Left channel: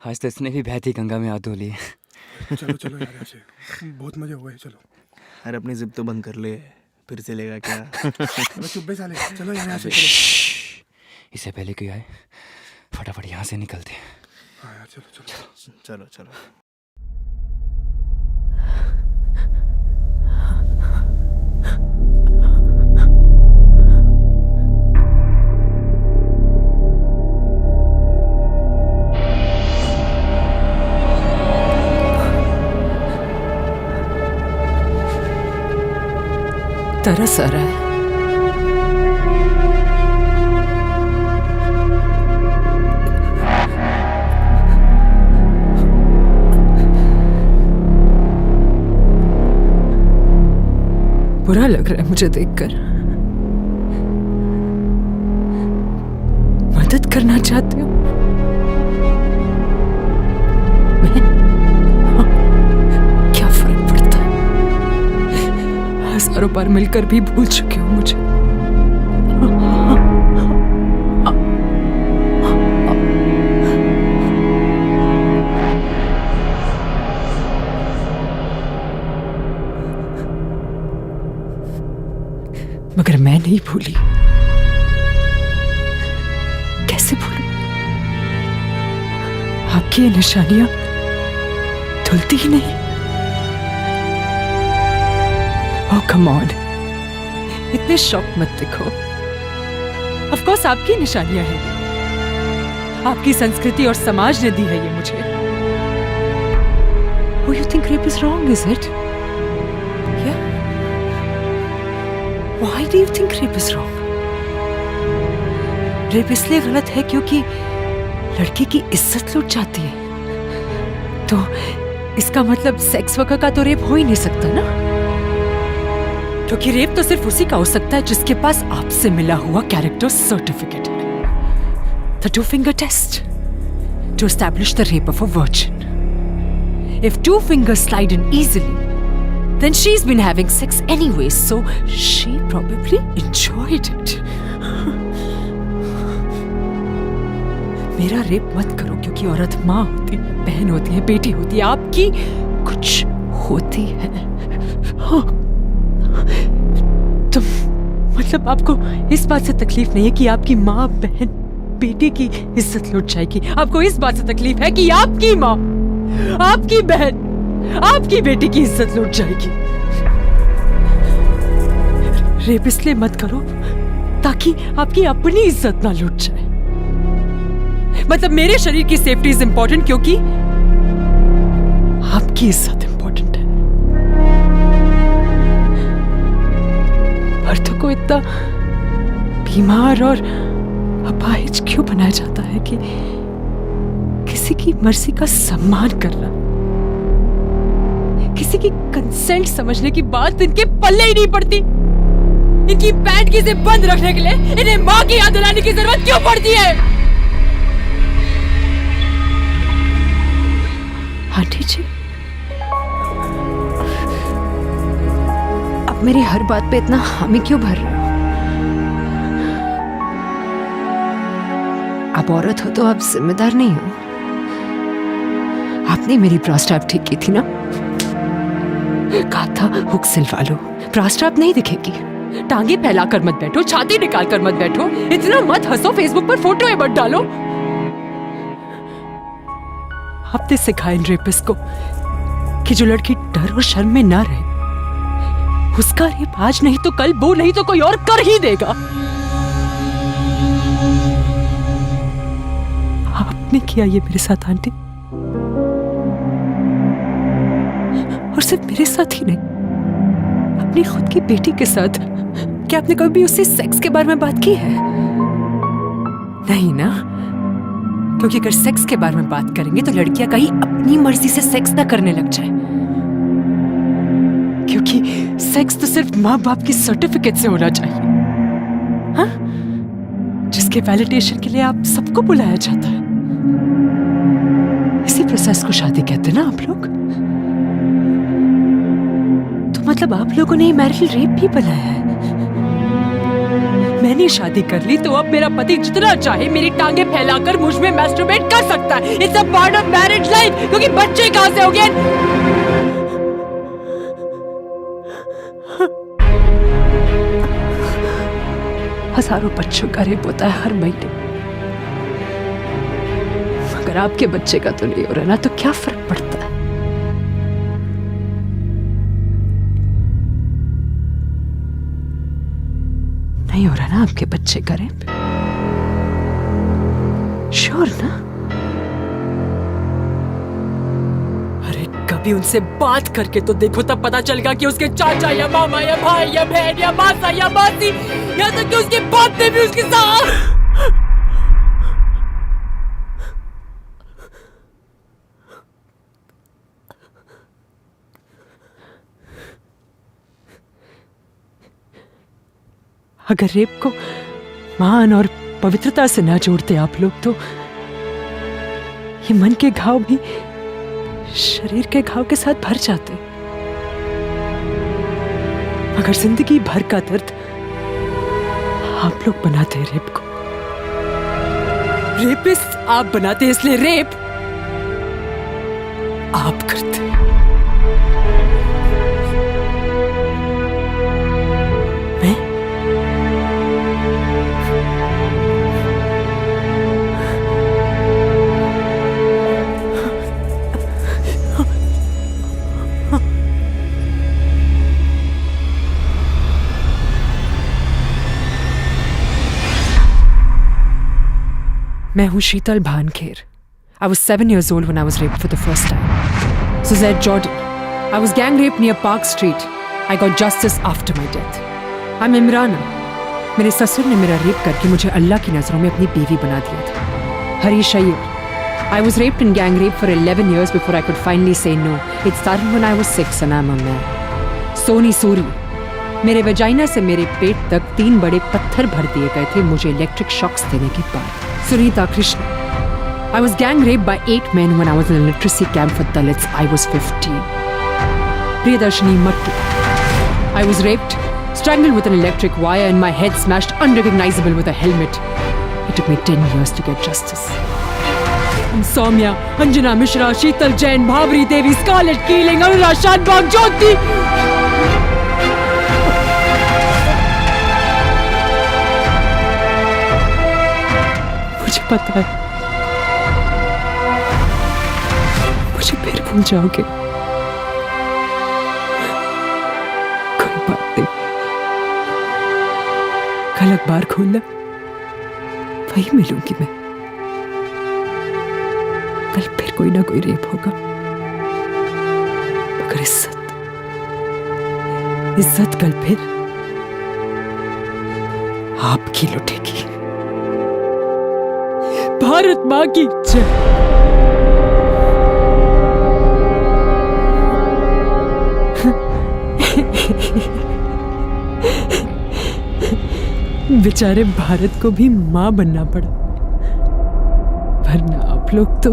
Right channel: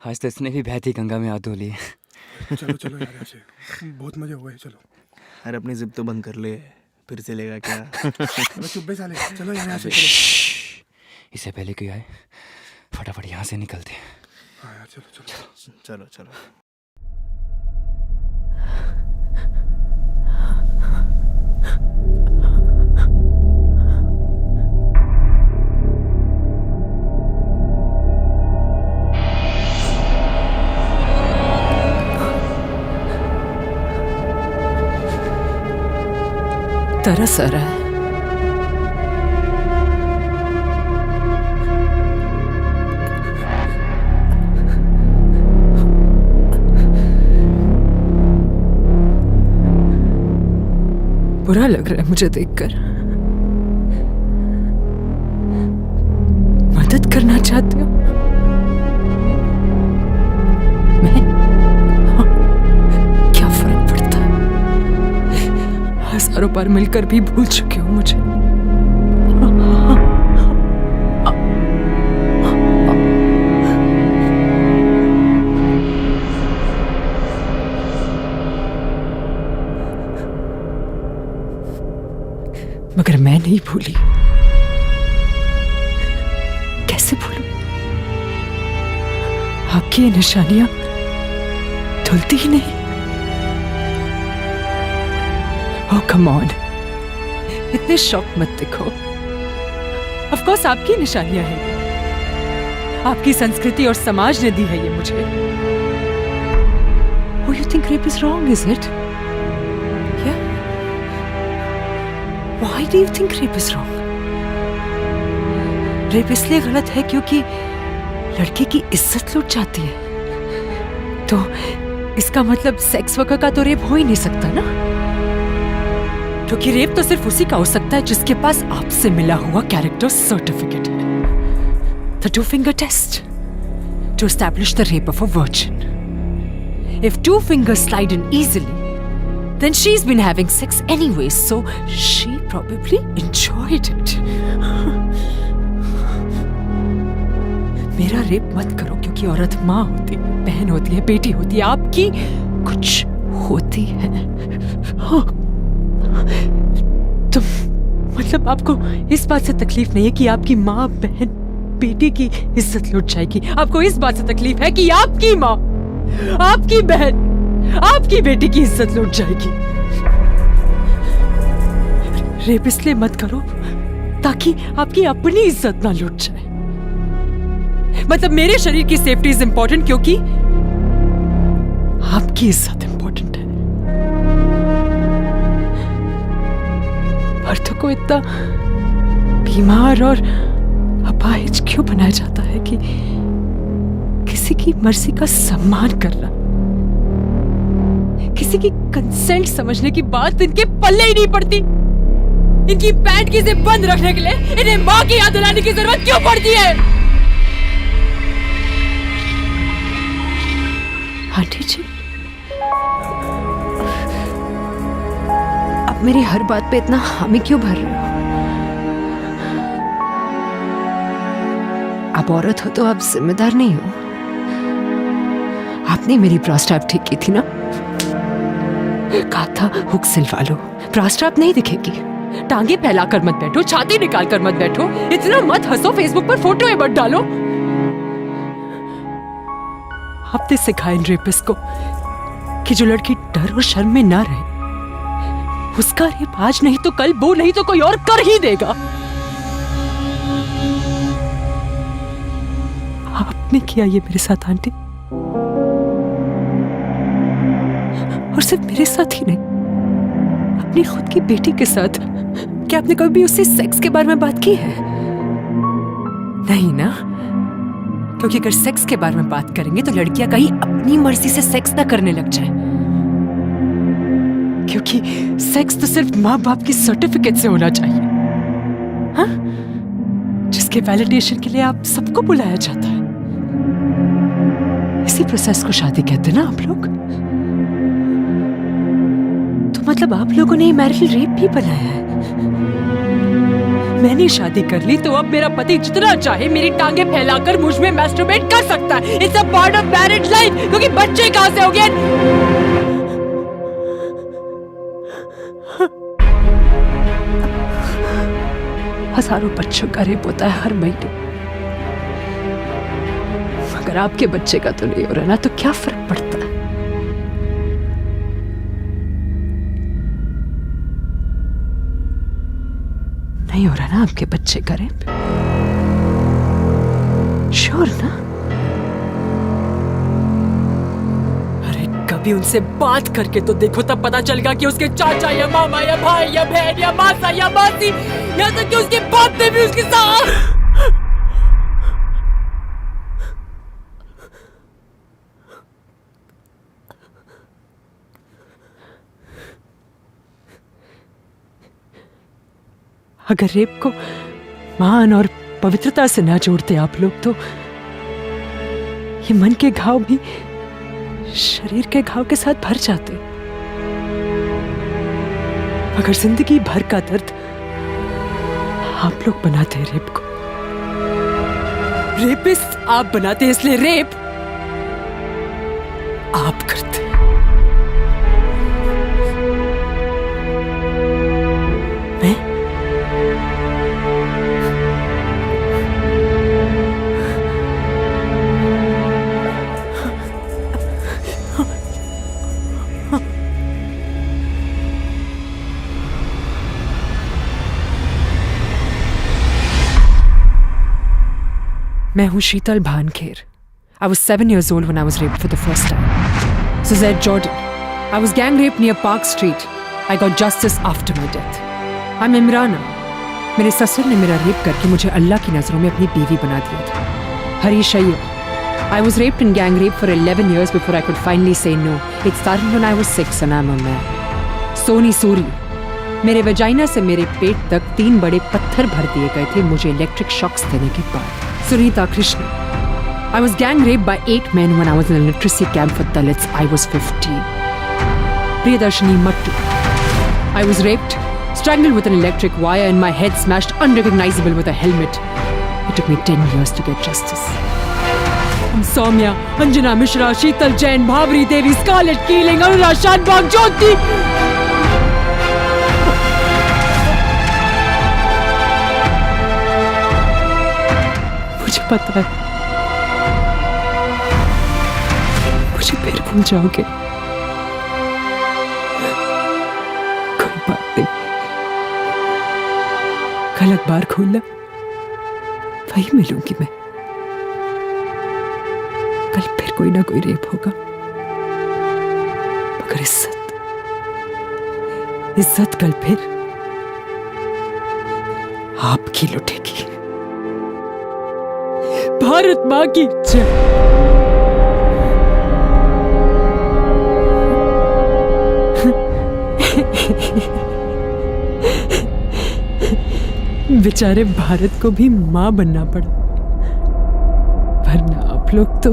आज तो इसने भी बहती गंगा में हाथ धो लिए। चलो चलो यार, ऐसे बहुत मजे हुए। चलो अरे अपनी जिद तो बंद कर ले, फिर चलेगा क्या? अबे चुप्पे साले, चलो यहाँ से चलो। इससे पहले कोई आए फटाफट यहाँ से निकलते। हाँ यार चलो चलो चलो चलो। तरस आ रहा है। बुरा लग रहा है मुझे देखकर। मदद करना चाहते हो? मैं? हाँ, क्या फर्क पड़ता है? हजारों बार मिलकर भी भूल चुके हो मुझे। मगर मैं नहीं भूली। कैसे भूलूं? आपकी ये निशानियां धुलती ही नहीं। ओह कम ऑन, इतने शॉक मत दिखो। ऑफ कोर्स आपकी निशानियां हैं ये। आपकी संस्कृति और समाज ने दी है ये मुझे। Oh, you think rape is wrong, is it? Yeah? Why do you think rape is wrong? Rape इसलिए गलत है क्योंकि लड़की की इज्जत लूट जाती है। तो इसका मतलब सेक्स वर्कर का तो रेप हो ही नहीं सकता ना, क्योंकि रेप तो सिर्फ उसी का हो सकता है जिसके पास आपसे मिला हुआ कैरेक्टर सर्टिफिकेट है, the 2-finger test, to establish the rape of a virgin. If 2 fingers slide in easily, then she's been having sex anyway, so she probably enjoyed it. मेरा रेप मत करो, क्योंकि औरत माँ होती है, बहन होती है, बेटी होती है, आपकी कुछ होती है। तो मतलब आपको इस बात से तकलीफ नहीं है कि आपकी माँ, बहन, बेटी की इज्जत लुट जाएगी? आपको इस बात से तकलीफ है कि आपकी माँ, आपकी बहन, आपकी बेटी की इज्जत लुट जाएगी? रेप इसलिए मत करो ताकि आपकी अपनी इज्जत ना लुट जाए। मतलब मेरे शरीर की सेफ्टी इज इंपॉर्टेंट क्योंकि आपकी इज्जत इंपॉर्टेंट है। मर्दों को इतना बीमार और अपाहिज क्यों बनाया जाता है कि किसी की मर्जी का सम्मान करना, किसी की कंसेंट समझने की बात इनके पल्ले ही नहीं पड़ती। इनकी पैंट की जिप बंद रखने के लिए इन्हें मां की याद दिलाने की जरूरत क्यों पड़ती है? आंटी जी, अब मेरी हर बात पे इतना हामी क्यों भर रहे हो? आप औरत हो तो आप जिम्मेदार नहीं हो। आपने मेरी प्रोस्टेट ठीक की थी ना? कहा था हुक सिलवा लो, प्रोस्टेट नहीं दिखेगी। टांगे फैलाकर मत बैठो, छाती निकाल कर मत बैठो, इतना मत हंसो, फेसबुक पर फोटो मत डालो। आपने सिखाया इन रेपिस्ट को कि जो लड़की डर और शर्म में ना रहे, उसका रेप आज नहीं तो कल, वो नहीं तो कोई और कर ही देगा। आपने किया ये मेरे साथ आंटी, और सिर्फ मेरे साथ ही नहीं, अपनी खुद की बेटी के साथ। क्या आपने कभी उससे सेक्स के बारे में बात की है? नहीं ना, क्योंकि अगर सेक्स के बारे में बात करेंगे तो लड़कियां कहीं अपनी मर्जी से सेक्स ना करने लग जाए, क्योंकि सेक्स तो सिर्फ माँ बाप की सर्टिफिकेट से होना चाहिए, हाँ? जिसके वैलिडेशन के लिए आप सबको बुलाया जाता है। इसी प्रोसेस को शादी कहते हैं ना आप लोग? तो मतलब आप लोगों ने मैरिटल रेप भी बनाया है। मैंने शादी कर ली तो अब मेरा पति जितना चाहे मेरी टांगे फैलाकर मुझ में मैस्टरबेट कर सकता है। It's a part of marriage life. क्योंकि बच्चे कहां से हो गए? हजारों बच्चों का रेप होता है हर महीने। अगर आपके बच्चे का तो नहीं हो रहा ना तो क्या फर्क पड़ता है? नहीं हो रहा ना आपके बच्चे का रेप? श्योर ना? अरे कभी उनसे बात करके तो देखो, तब पता चलेगा कि उसके चाचा या मामा या भाई या बहन या मासा या मासी, यहाँ तक कि उसके बाप ने भी उसके साथ। अगर रेप को मान और पवित्रता से ना जोड़ते आप लोग तो ये मन के घाव भी शरीर के घाव के साथ भर जाते। अगर जिंदगी भर का दर्द आप लोग बनाते हैं रेप को, रेपिस्ट आप बनाते, इसलिए रेप आप करते। मैं मैं हूं शीतल भानखेर. I was 7 years old when I was raped for the first time. Suzette Jordan. I was gang raped near Park Street. I got justice after my death. I'm Imrana. मेरे ससुर ने मेरा रेप करके मुझे अल्लाह की नज़रों में अपनी बीवी बना दिया था. Harish Iyer. I was raped and gang raped for 11 years before I could finally say no. It started when I was 6 and I'm a man. Soni Suri. मेरे वजाइना से मेरे पेट तक 3 बड़े पत्थर भर दिए गए थे मुझे इलेक्ट्रिक शॉक्स देने के बाद. Sunita Krishna. I was gang raped by 8 men when I was in a literacy camp for Dalits. I was 15. Priyadarshini Mattu. I was raped, strangled with an electric wire and my head smashed unrecognizable with a helmet. It took me 10 years to get justice. I'm Soumya, Anjana Mishra, Sheetal Jain, Bhavri Devi, Scarlett Keeling, Anurag Shanbhag, Jyoti. मुझे पता है मुझे फिर भूल जाओगे. कोई बात नहीं, कल अखबार खोलना वही मिलूंगी मैं. कल फिर कोई ना कोई रेप होगा मगर इज्जत कल फिर आपकी लुटेगी. भारत मां की जय. बेचारे भारत को भी मां बनना पड़ा वरना आप लोग तो